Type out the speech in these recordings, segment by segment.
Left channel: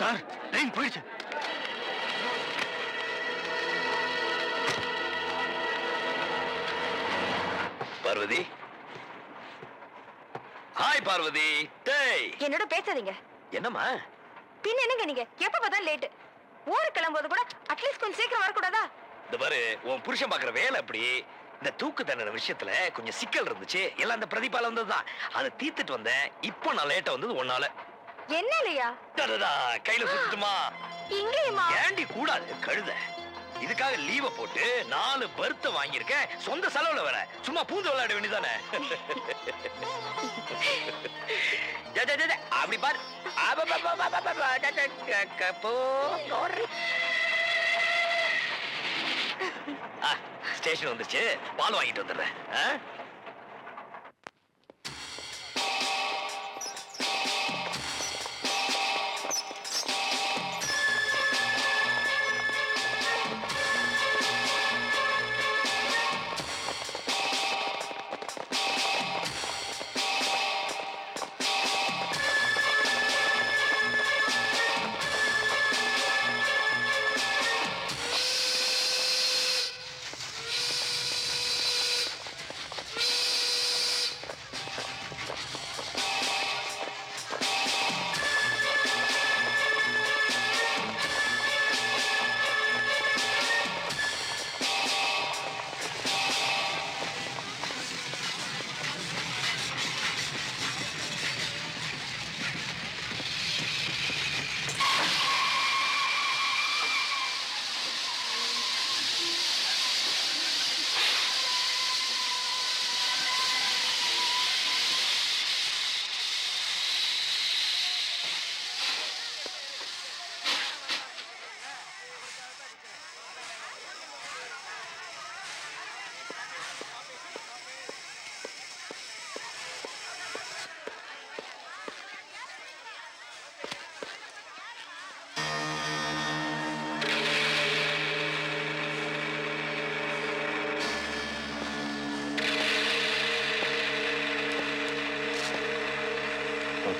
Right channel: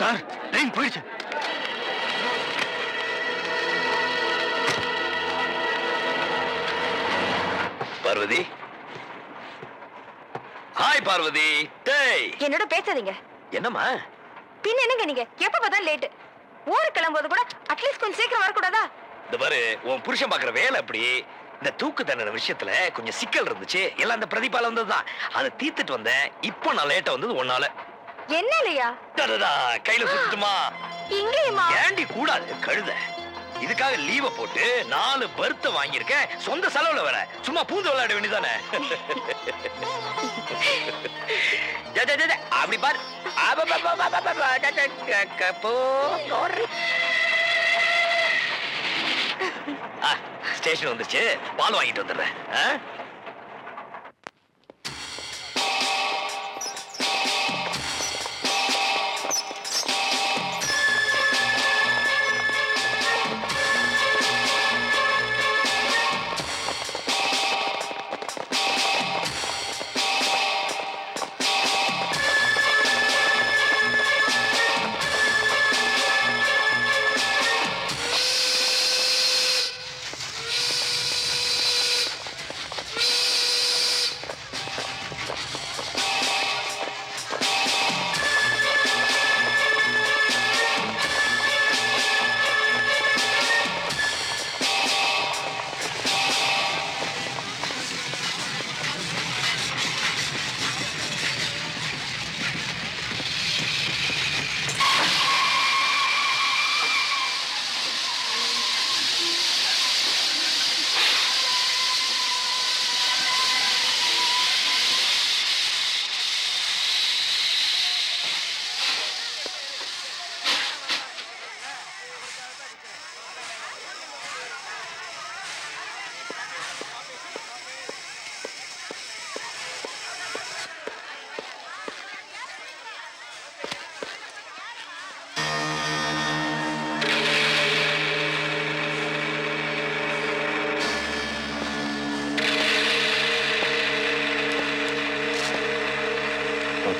Sir train போயிடுச்சு. Parvati, hi Parvati. டேய் என்னோட பேசாதீங்க. என்னம்மா? பின்ன என்னங்க நீங்க எப்ப பார்த்தாலும் லேட். ஊருக்கு கிளம்பும்போது கூட அட்லீஸ்ட் கொஞ்சம் சீக்கிரம் வரக்கூடாதா? இந்த பாரு, உன் புருஷன் பாக்குற வேலை அப்படி. இந்த தூக்கு தண்டனை விஷயத்துல கொஞ்சம் சிக்கல் இருந்துச்சு. எல்லாம் அந்த பிரதிபால வந்ததுதான். அதை தீர்த்துட்டு வந்தேன். இப்போ நான் லேட்டா வந்தது ஒன்னால. என்ன இல்லையா? கையில சுத்துமா? இங்கேயுமா? ஏண்டி கூடாது கழுத. இதுக்காக லீவ போட்டு 4 பர்த் வாங்கியிருக்கேன். சொந்த செலவுல வர சும்மா பூந்து விளையாட வேண்டியதானே. அப்படி பாரு. ஸ்டேஷன் வந்துச்சு, பால் வாங்கிட்டு வந்துடுறேன்.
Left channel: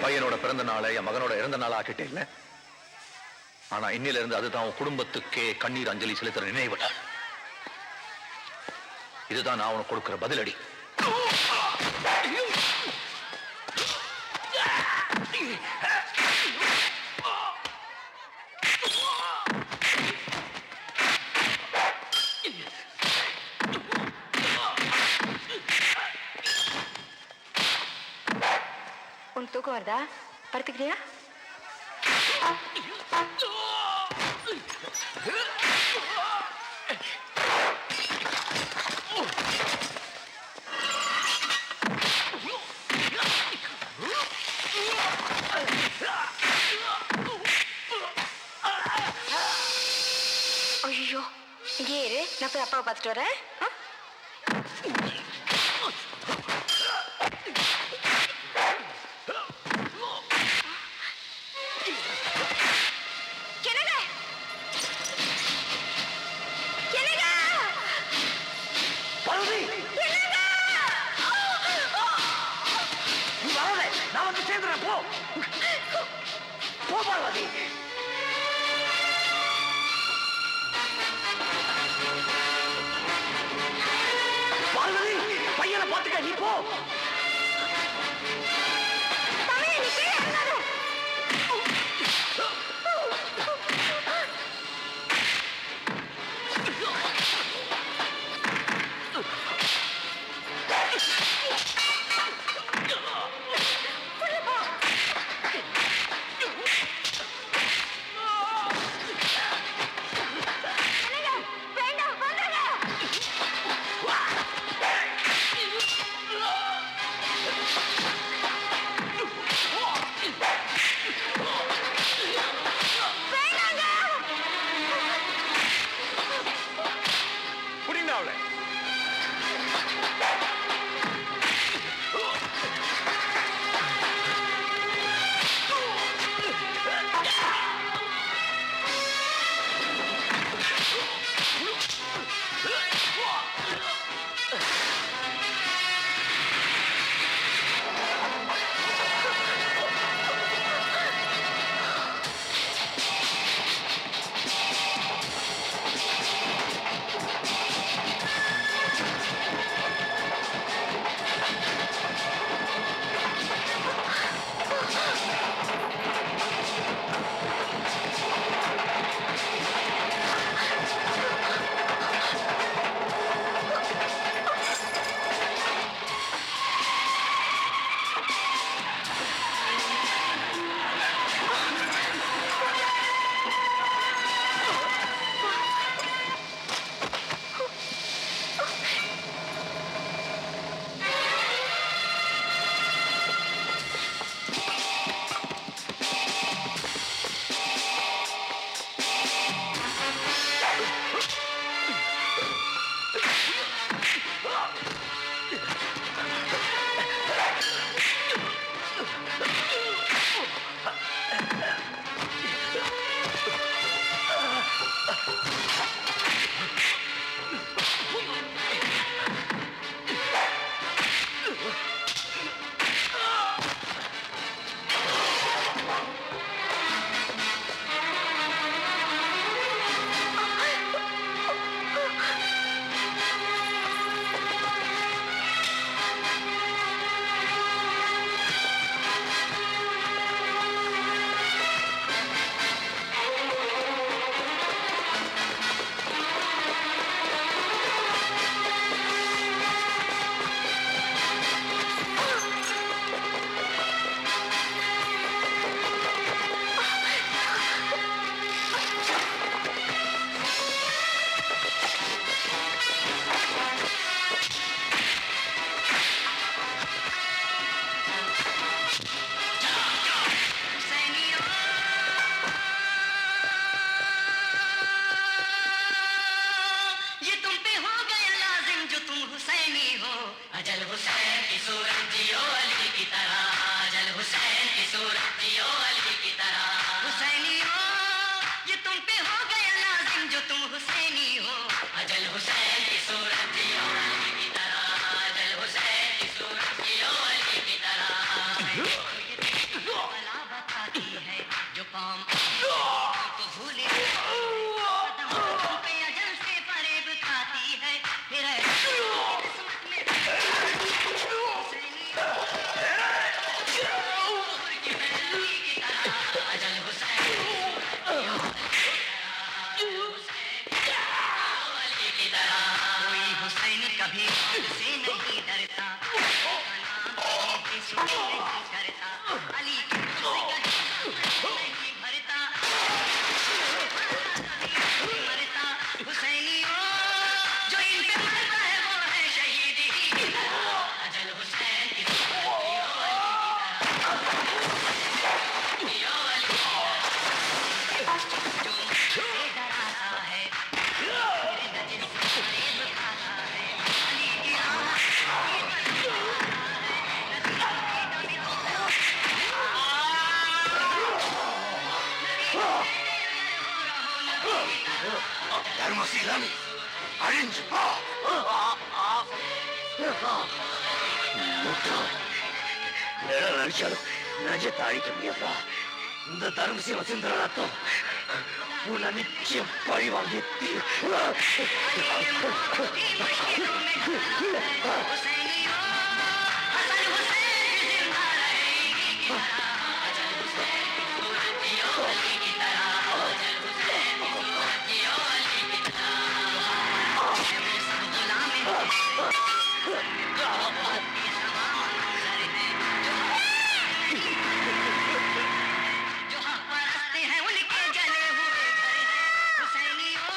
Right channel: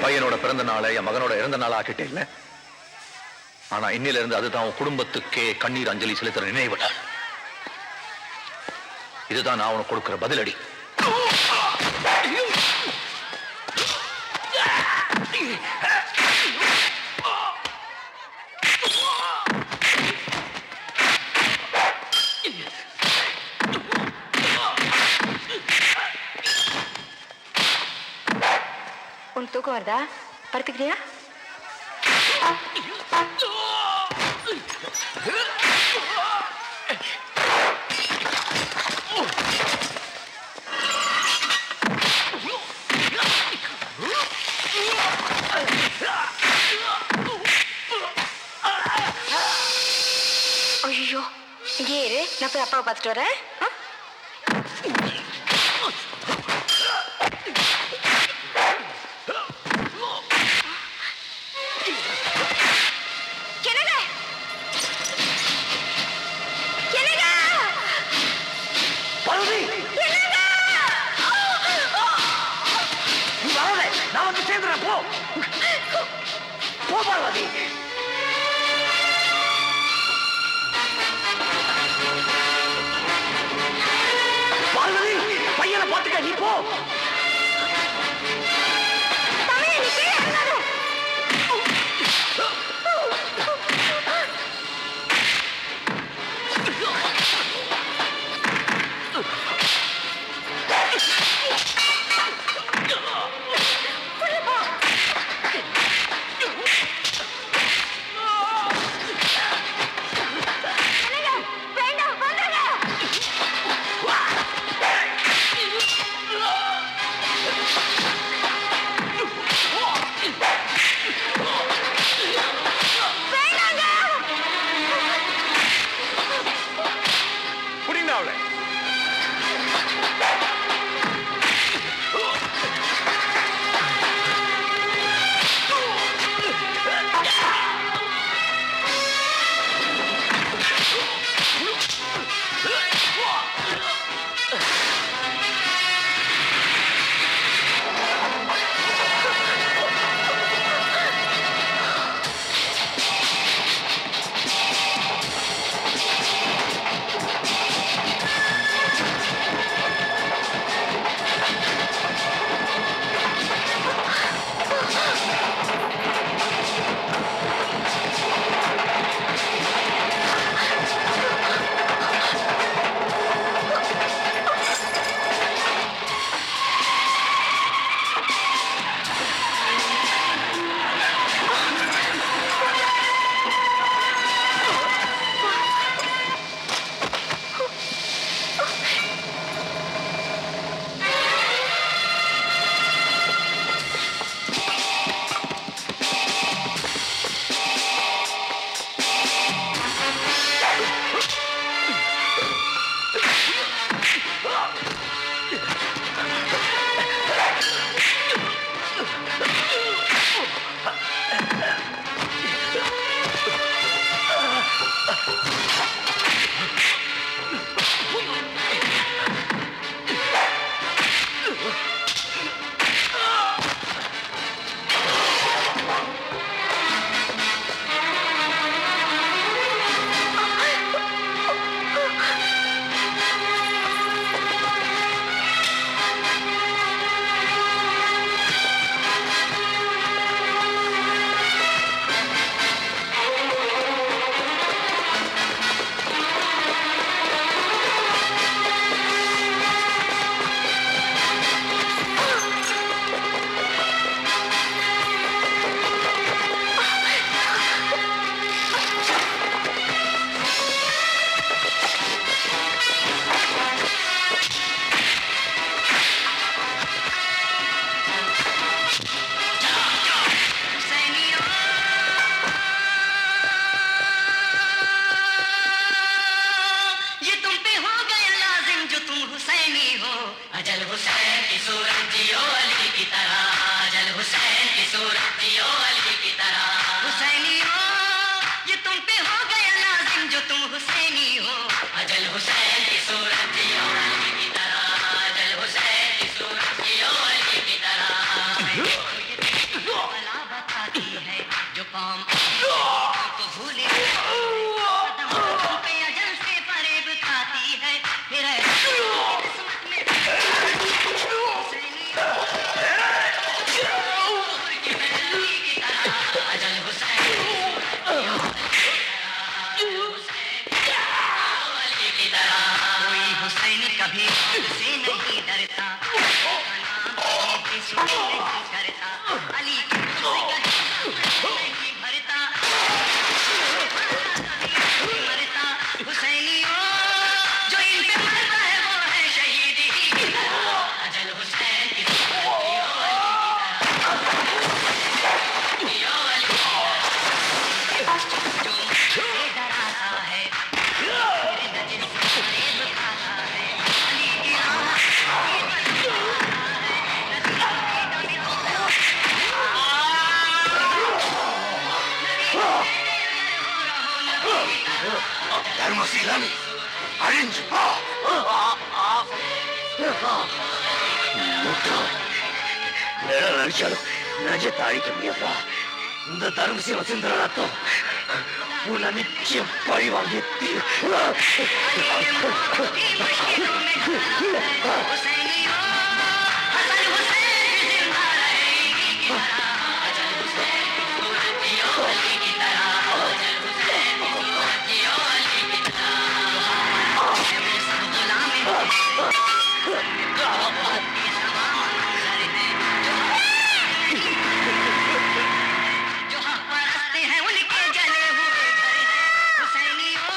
பையனோட பிறந்த நாளை என் மகனோட இறந்த நாளா ஆக்கிட்டே இல்ல. ஆனா இன்னில இருந்து அதுதான் உன் குடும்பத்துக்கே கண்ணீர் அஞ்சலி செலுத்துற நினைவு. இதுதான் நான் உனக்கு கொடுக்கிற பதிலடி. உனக்கு தூக்கம் வருதா? படுத்துக்கிறியா? ஐயோ, இங்கே இரு, நான் போய் அப்பாவை பார்த்துட்டு வரேன். நான் வந்து சேர்ந்துறேன். போ போ பார்வதி. பார்வதி, பையனை பார்த்துக்க, நீ போ. ये तुम पे हो गया लाजिम जो तुम हुसैनी हो अजल हुसैन की सूरत जियो अली की तरह अजल हुसैन की सूरत जियो अली की तरह हुसैनी हो ये तुम पे हो गया लाजिम जो तुम हुसैनी हो अजल हुसैन की सूरत जियो अली की तरह अजल हुसैन की सूरत जियो अली की तरह भला बताती है जो कौम को भूले कदम पे अजल से फरेब खाती है फिर किस्मत में हुसैनी अजल हुसैन कोई हुसैन कभी से नहीं डरता नहीं करता अली की नहीं भरता मरता हुसैनी हो जो इन पे मरता है वो है शहीद ही की तरह अजल हुसैन की जो डराता है नजर से फरेब खाता है अली की ధర్మశీలాన్ని అழிంచు நடிச்சாலும் நஜத்தை அழிக்க முடியாதா இந்த தர்மசீல சிந்திர ரத்தம் உன்னை நிச்சயம் பழி வாங்கி हुसैनी हो हसन हुसैन जिंदा रहेगी की तरह अजल हुसैन की सूरत जियो अली की तरह अजल हुसैन की सूरत जियो अली की तरह सब गुलाम जो हक परस्ते हैं उनके जले हुए घर हैं हुसैनी हो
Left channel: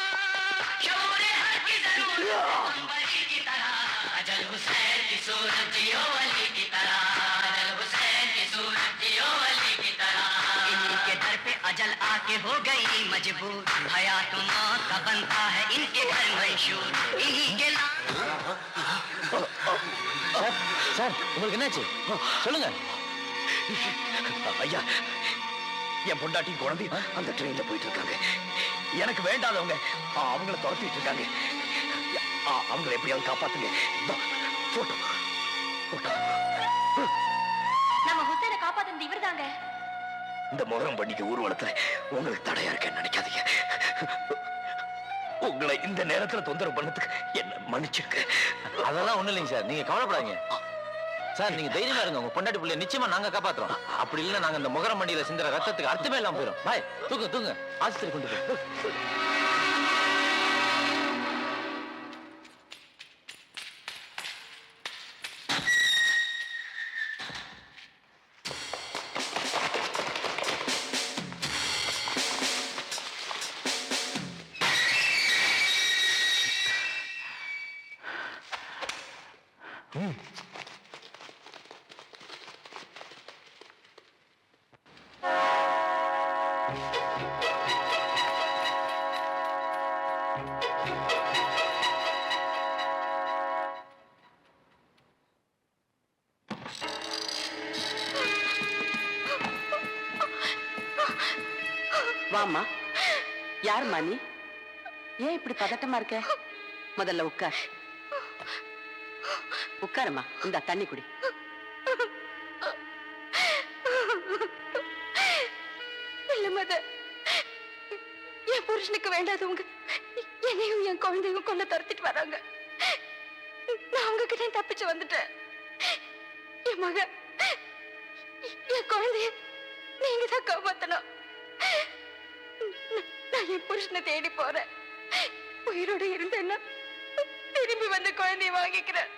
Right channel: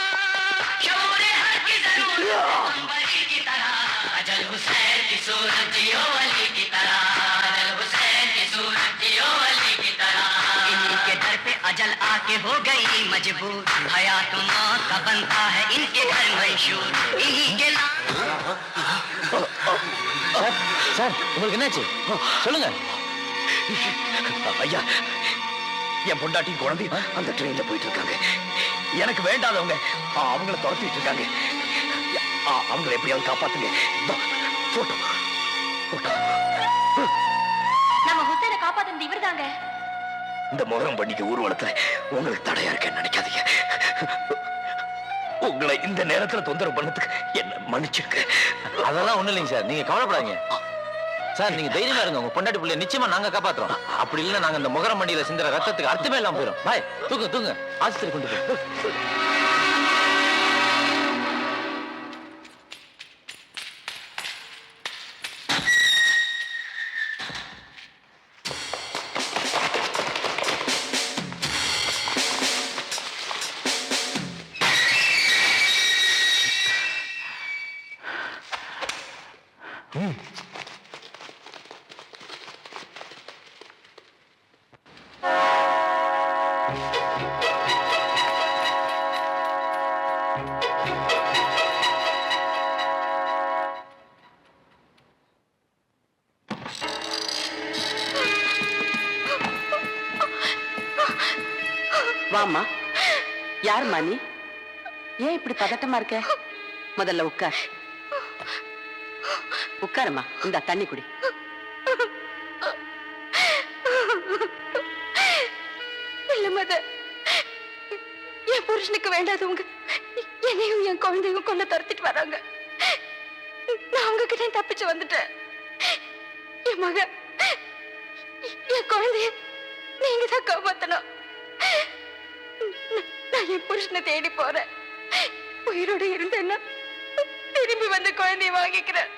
शोरे हक की जरूरत अंबरी की तरह अजल हुसैन की सूरत जियो अली की तरह अजल हुसैन की सूरत जियो अली की तरह इन्हीं के दर पे अजल आके हो गई मजबूर हयात मौत का बनता है इनके घर मंशूर इन्हीं के नाम சார் உங்களுக்கு என்னாச்சு சொல்லுங்க ஐயா என் பொண்டாட்டி குழந்தை அந்த ட்ரெயின்ல போயிட்டு இருக்காங்க எனக்கு வேண்டாதவங்க அவங்கள துரத்திட்டு இருக்காங்க அவங்கள எப்படியாவது காப்பாத்துங்க போட்டோ போட்டோ நம்ம ஹுசைனை காப்பாத்துனது இவர்தாங்க. இந்த முகரம் பண்ணிக்க ஊர்வலத்துல உங்களுக்கு தடையா இருக்கேன்னு நினைக்காதீங்க உங்களை இந்த நேரத்துல தொந்தரவு பண்ணதுக்கு என்ன மன்னிச்சிருக்க அதெல்லாம் ஒண்ணு இல்லைங்க சார், நீங்க கவலைப்படாதீங்க சார். நீங்க தைரியமா இருங்க, உங்க பொண்டாட்டி பிள்ளைய நிச்சயமா நாங்க காப்பாத்துறோம். அப்படி இல்லைன்னா நாங்க இந்த முகரம் மண்டியில சிந்துற ரத்தத்துக்கு அர்த்தமே இல்லாம போயிடும். பாய், தூங்க தூங்க, ஆஸ்பத்திரி கொண்டு போய். வாமா, யாருமா நீ? ஏன் இப்படி பதட்டமா இருக்க? முதல்ல உட்கார். உட்காருமா, இந்த தண்ணி குடி. இல்ல மதர், என் புருஷனுக்கு வேண்டாதவங்க என்னையும் என் குழந்தையும் கொண்டு துரத்திட்டு வராங்க. நான் அவங்க கிட்ட தப்பிச்சு வந்துட்டேன். என் மக, என் குழந்தைய நீங்க தான் காப்பாத்தணும். நான் என் புருஷனை தேடி போறேன். உயிரோட இருந்தேன்னா திரும்பி வந்து குழந்தைய வாங்கிக்கிறேன்.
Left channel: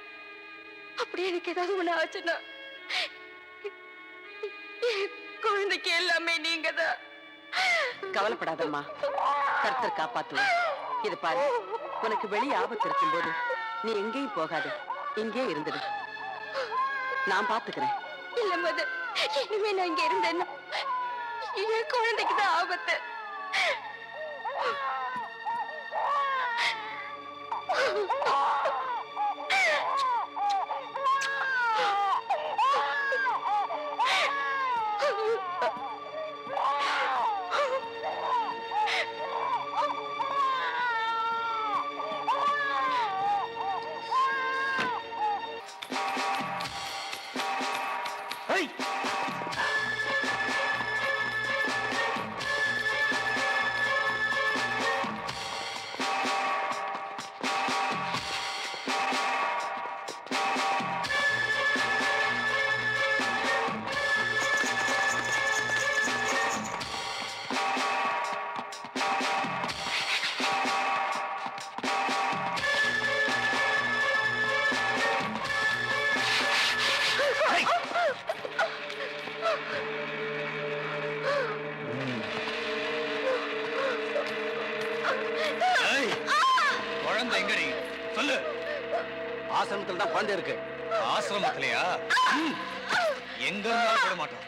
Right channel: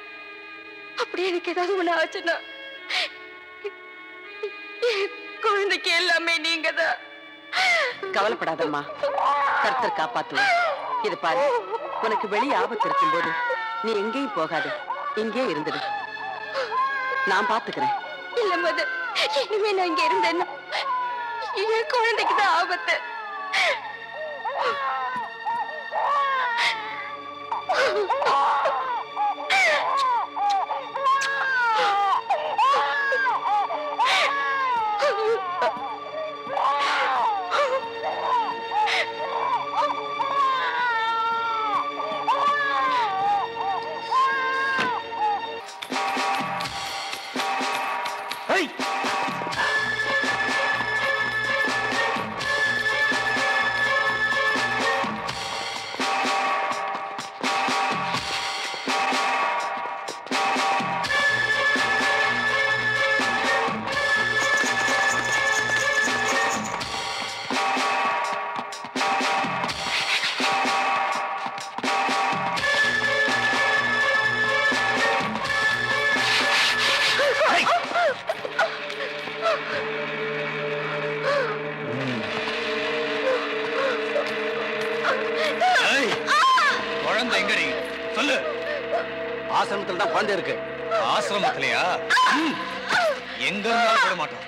அப்படி எனக்கு ஏதாவது ஒண்ணு ஆச்சுன்னா என் குழந்தைக்கு எல்லாமே நீங்க தான். கவலைப்படாதம்மா, கர்த்தர் காப்பாத்துவார். இது பாரு, உனக்கு வெளியே ஆபத்து இருக்கும் போது நீ எங்கேயும் போகாது, இங்கே இருந்துடு. நான் பாத்துக்கிறேன். இல்ல மதர், இனிமே நான் இங்க இருந்தேன்னா என் குழந்தைக்கு தான் ஆபத்து. குழந்தை எங்கடி சொல்லு. ஆசிரமத்தில் தான் குழந்தை இருக்கு. ஆசிரமத்திலையா? எங்க இருந்தாலும் விட மாட்டோம்.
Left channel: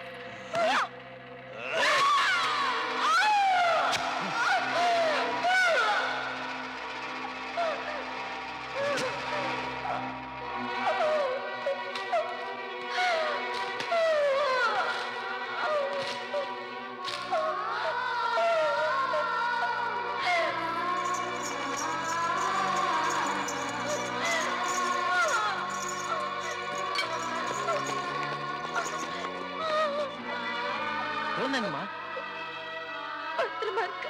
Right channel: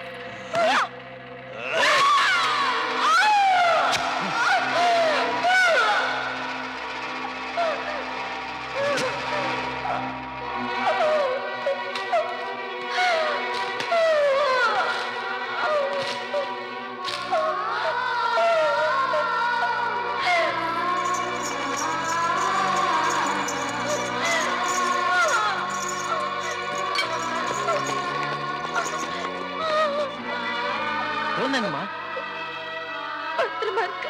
என்னங்கம்மா? பத்திரமா இருக்கு.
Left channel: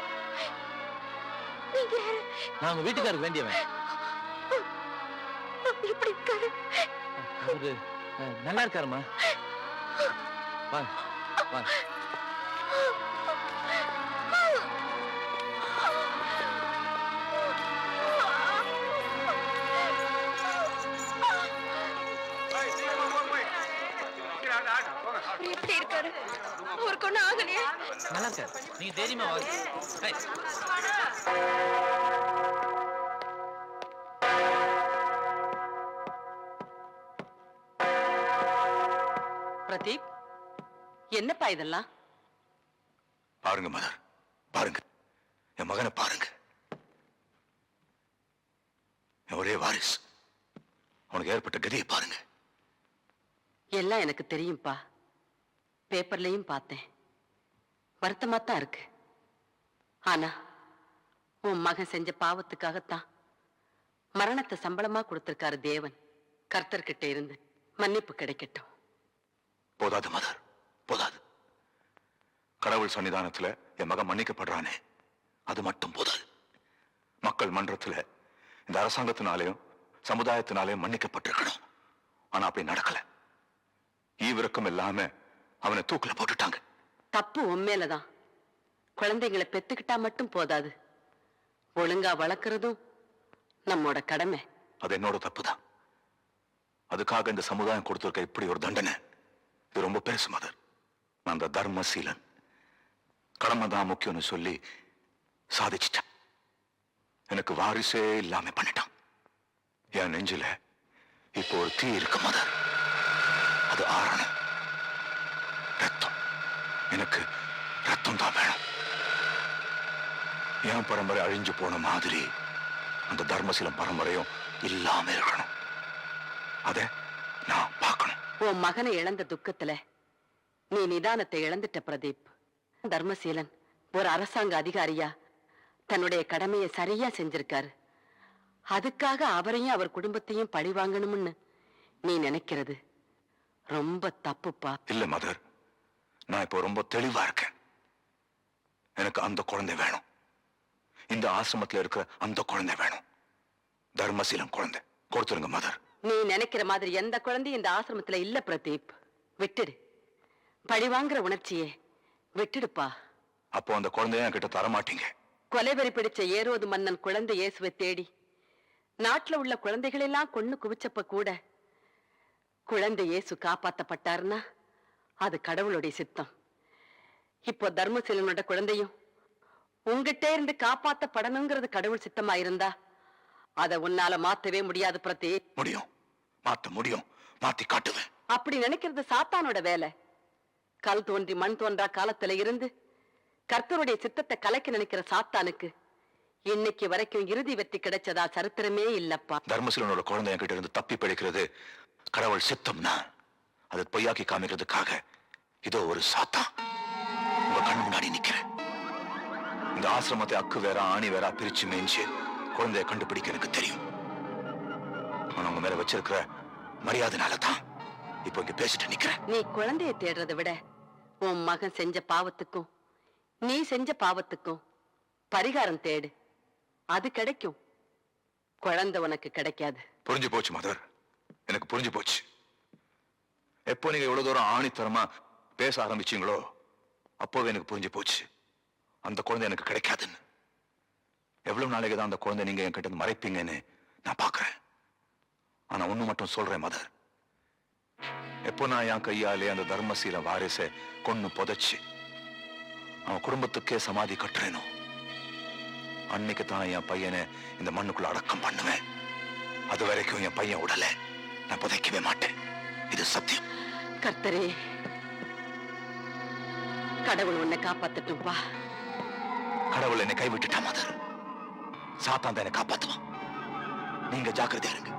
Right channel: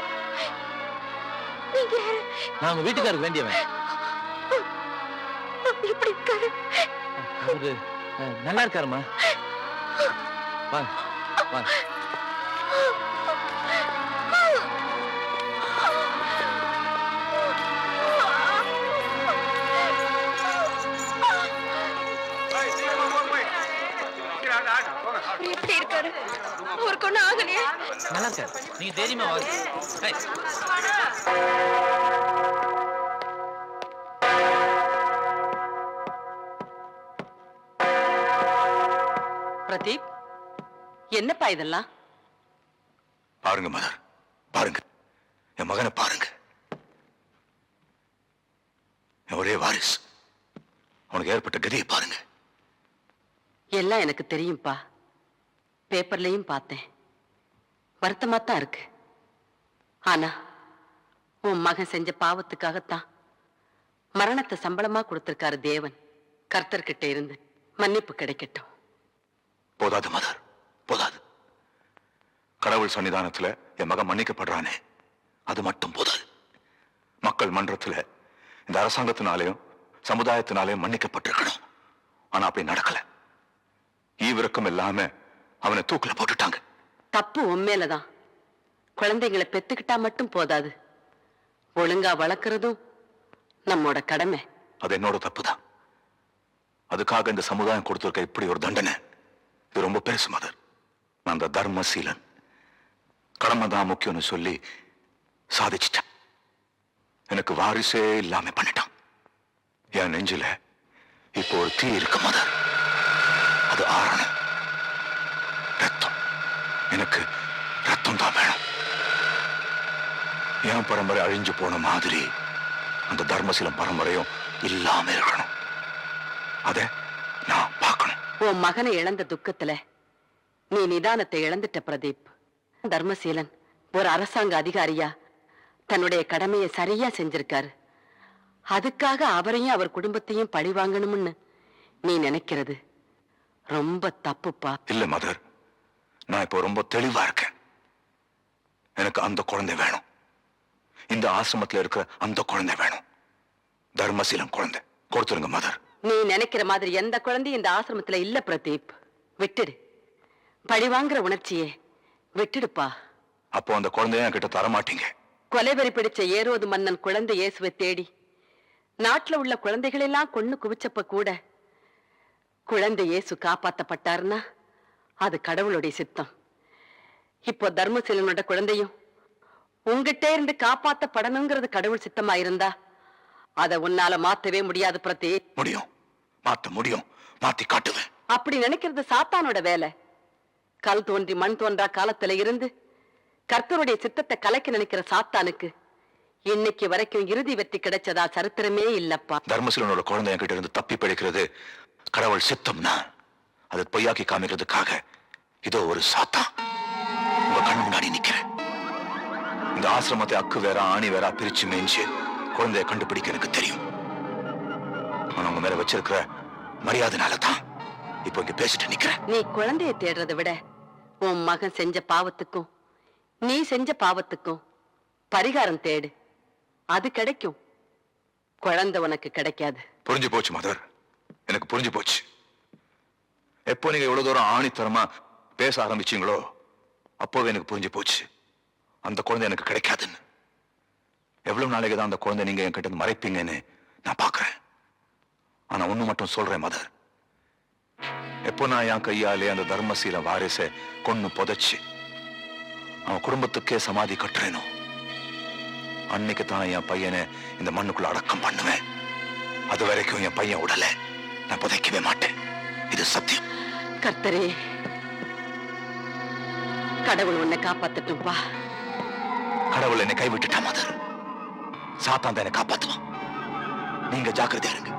நீங்க யாரு? நான் உங்க வீட்டுக்காருக்கு வேண்டியவன். எப்படி இருக்காரு? அவரு நல்லா இருக்காருமா. வாங்க வாங்க. எப்படி இருக்காரு? அவருக்கு ஒண்ணும் ஆகலையே? நல்லா இருக்காரு. நீங்க தைரியமா வாங்க. ஏய். பிரதீப், என்னப்பா இதெல்லாம்? பாருங்க மதர், பாருங்க என் மகனை பாருங்க. என் ஒரே வாரிசு. அவனுக்கு ஏற்பட்ட கதியை பாருங்க. எல்லாம் எனக்கு தெரியும்பா. பேப்பர்லயும் பார்த்தேன். வருத்தமா தான் இருக்கு. ஆனா உன் மகன் செஞ்ச பாவத்துக்காகத்தான் மரணத்தை சம்பளமா கொடுத்திருக்காரு தேவன். கர்த்தர்கிட்ட இருந்து மன்னிப்பு கிடைக்கட்டும். போதாது மதர், போதாது. கடவுள் சன்னிதானத்துல என் மகன் மன்னிக்கப்படுறானே, அது மட்டும் போதாது. மக்கள் மன்றத்துல இந்த அரசாங்கத்தினாலேயும் சமுதாயத்தினாலேயும் மன்னிக்கப்பட்டிருக்கணும். ஆனா அப்படி நடக்கல. ஈவிரக்கம் இல்லாம அவனை தூக்குல போட்டுட்டாங்க. தப்பு உண்மையிலதான். குழந்தைங்களை பெத்துக்கிட்டா மட்டும் போதாது, ஒழுங்கா வளர்க்கறதும் நம்மோட கடமை. அது என்னோட தப்பு தான். அதுக்காக இந்த சமுதாயம் கொடுத்திருக்க இப்படி ஒரு தண்டனை, இது ரொம்ப பெருசு மதர். நான் அந்த தர்மசீலன் கடமை தான் முக்கியம்னு சொல்லி சாதிச்சிட்டேன். எனக்கு வாரிசே இல்லாம பண்ணிட்டான். என் நெஞ்சில இப்போ ஒரு தீ இருக்கு மதர். அது ஆறணும். ரத்தம், எனக்கு ரத்தம் தான் வேணும். என் பரம்பரை அழிஞ்சு போன மாதிரி அந்த தர்மசீலம் பரம்பரையும் இல்லாம இருக்கணும். அத நான் பார்க்கணும். உன் மகனை இழந்த துக்கத்துல நீ நிதானத்தை இழந்துட்ட பிரதீப். தர்மசீலன் ஒரு அரசாங்க அதிகாரியா தன்னுடைய கடமையை சரியா செஞ்சிருக்காரு. அதுக்காக அவரையும் அவர் குடும்பத்தையும் பழி வாங்கணும்னு நீ நினைக்கிறது ரொம்ப தப்புப்பா. இல்ல மதர், நான் இப்போ ரொம்ப தெளிவா இருக்கேன். எனக்கு அந்த குழந்தை வேணும். இந்த ஆசிரமத்தில் இருக்கிற அந்த குழந்தை வேணும். தர்மசீலம் குழந்தை கொடுத்துருங்க மதர். நீ நினைக்கிற மாதிரி எந்த குழந்தையும் இந்த ஆசிரமத்துல இல்ல பிரதீப். விட்டுடு. பழி வாங்குற உணர்ச்சியே விட்டுடுப்பா. அப்போ அந்த குழந்தைய என்கிட்ட தரமாட்டீங்க. கொலைவெறி பிடிச்ச ஏரோது மன்னன் குழந்தை இயேசுவை தேடி நாட்டுல உள்ள குழந்தைகளெல்லாம் கொன்னு குவிச்சப்ப கூட குழந்தை இயேசு காப்பாத்தப்பட்டாருன்னா அது கடவுளுடைய சித்தம். இப்போ தர்மசீலனோட குழந்தையும் உங்ககிட்ட இருந்து காப்பாத்தப்படணுங்கிறது கடவுள் சித்தமா இருந்தா அதை உன்னால மாத்தவே முடியாது பிரதீப். முடியும், மாத்த முடியும், மாத்தி காட்டுவேன். அப்படி நினைக்கிறது சாத்தானோட வேலை. கல் தோன்றி மண் தோன்றா காலத்துல இருந்து கர்த்தருடைய சித்தத்தை கலைக்க நினைக்கிற சாத்தானுக்கு இன்னைக்கு வரைக்கும் இறுதி வெற்றி கிடைச்சதா சரித்திரமே இல்லப்பா. தர்மசீலனோட குழந்தை என்கிட்ட இருந்து தப்பி பிழைக்கிறது கடவுள் சித்தம்னா அதை பொய்யாக்கி காமிக்கிறதுக்காக இதோ ஒரு சாத்தா உங்க கண்ணு முன்னாடி நிக்கிறேன். இந்த ஆசிரமத்தை அக்கு வேற ஆணி வேற பிரிச்சு மேய்ஞ்சு குழந்தைய கண்டுபிடிக்க எனக்கு தெரியும். ஆனா உங்க மேல வச்சிருக்கிற மரியாதைனால தான் இப்போ இங்க பேசிட்டு நிக்கிறேன். நீ குழந்தைய தேடுறதை விட உன் மகன் செஞ்ச பாவத்துக்கும் நீ செஞ்ச பாவத்துக்கும் பரிகாரம் தேடு, அது கிடைக்கும். குழந்தை உனக்கு கிடைக்காது. புரிஞ்சு போச்சு மதர், எனக்கு புரிஞ்சு போச்சு. எப்போ நீங்க இவ்வளவு தூரம் ஆணித்தரமா பேச ஆரம்பிச்சீங்களோ அப்போவே எனக்கு புரிஞ்சு போச்சு அந்த குழந்தை எனக்கு கிடைக்காதுன்னு. எவ்வளவு நாளைக்கு தான் அந்த குழந்தை நீங்க என்கிட்ட இருந்து மறைப்பீங்கன்னு நான் பாக்குறேன். ஆனா ஒண்ணு மட்டும் சொல்றேன் மதர், எப்போ நான் என் கையாலே அந்த தர்மசீல வாரிசை கொன்னு புதைச்சு அவன் குடும்பத்துக்கே சமாதி கட்டுறேனோ அன்னைக்கு தான் என் பையனை இந்த மண்ணுக்குள்ள அடக்கம் பண்ணுவேன். அது வரைக்கும் என் பையன் உடல நான் புதைக்கவே மாட்டேன். இது சத்தியம். கர்த்தரே, கடவுள் உன்னை காப்பாத்தட்டும்பா. கடவுள் என்னை கைவிட்டுட்டா மதர், சாத்தான் தான் என்னை காப்பாத்துவான். நீங்க ஜாக்கிரதையா இருங்க.